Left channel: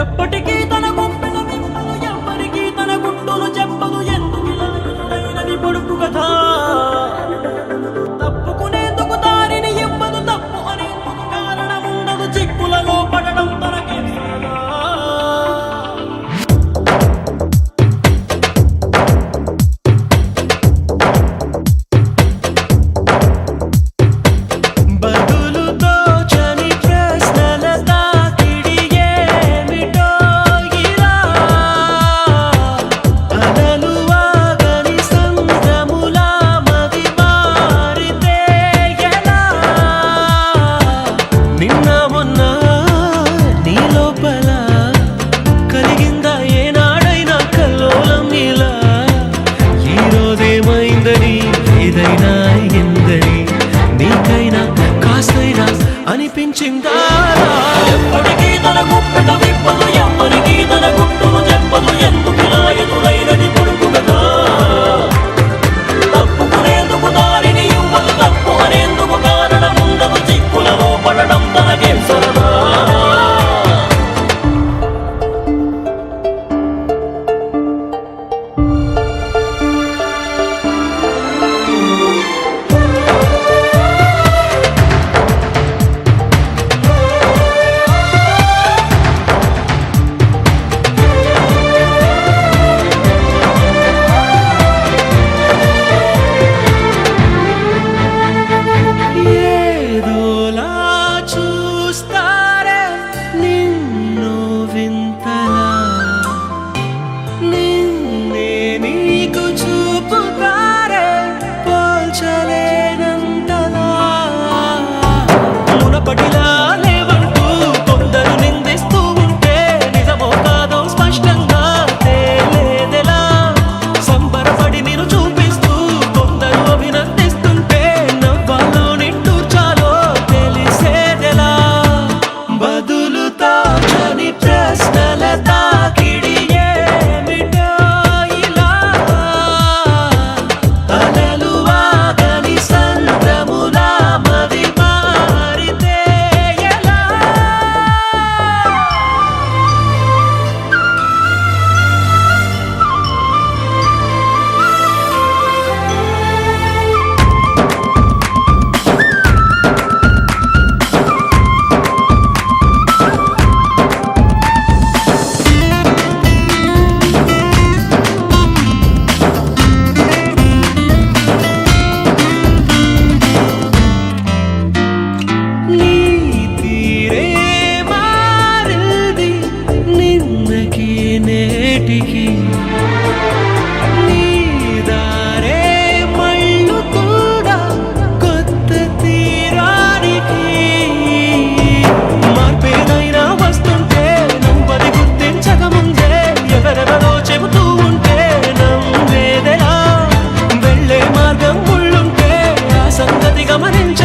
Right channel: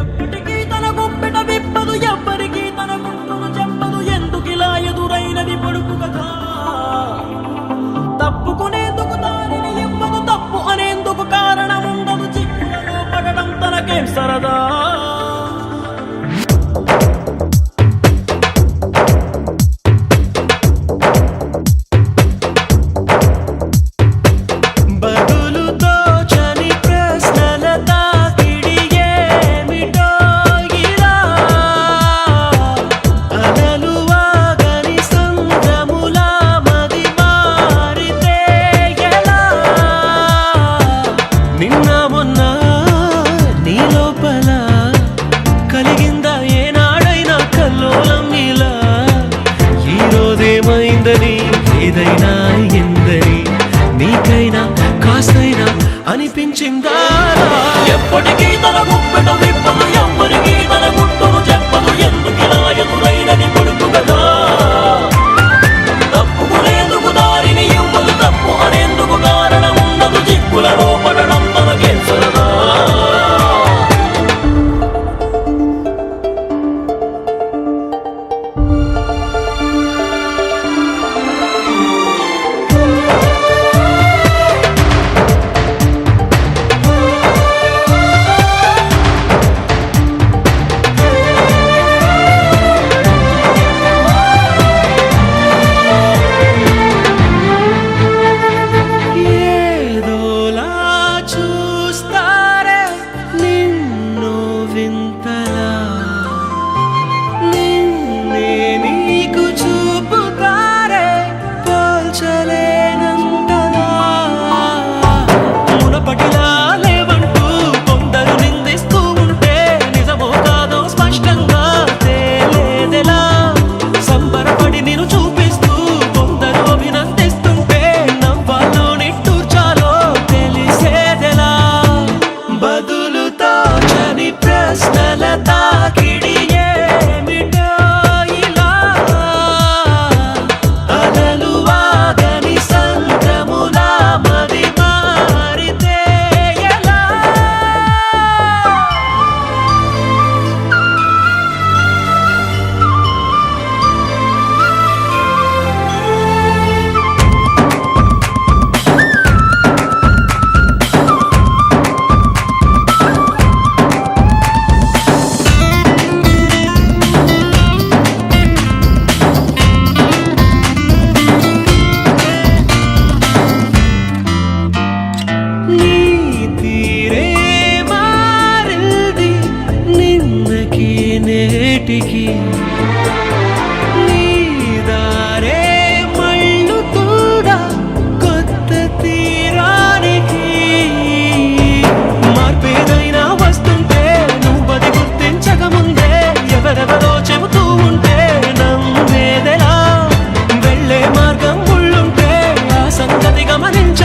ఎప్పటికీ తన గుప్పెట విప్పదు, ఎవ్వరికీ తన గుట్టును చెప్పదు. ఎందుకిలా ఎదురైనది పొడుపు కథ? తప్పుకునేందుకు దారిని ఇవ్వదు, తప్పు అనేందుకు కారణం ఉండదు. చిక్కులలో పడడం తనకేం సరదా? ఏమైందని ఏదైనా ఎందని నీకైనా కాస్తైనా అనిపించిందా? ఎప్పటికీ తన గుప్పెట విప్పదు, ఎవ్వరికీ తన గుట్టును చెప్పదు. ఎందుకిలా ఎదురైనది పొడుపు కథ? తప్పుకునేందుకు దారిని ఇవ్వదు, తప్పు అనేందుకు కారణం ఉండదు. చిక్కులలో పడడం తనకేం సరదా? మునపటిలా లేవంటూ కొందరు నిందిస్తూ ఉంటే నిజమో కాదో స్పష్టంగా తేలేదెలా? సంబరపడి నిన్ను చూపిస్తూ కొందరు అభినందిస్తుంటే నవ్వాలో నిట్టూర్చాలో తెలిసేదెలా? బదులుతో చని ప్రశ్నల తాకిడి ఏమిటో ఇలా అలలు వాగని సంద్రములా మది మారితే ఎలా? నీ తీరే మారింది నిన్నకి నేటికి, నీ దారే మళ్ళు కూడా కొత్త తీరానికి. మార్పేదైనా వస్తుంటే నువ్వది గుర్తించకముందే ఎవరెవరో చెబుతూ ఉంటే నమ్మేదెలా? వెళ్ళే మార్గం ముళ్ళుంటే ఆ సంగతి గమనించ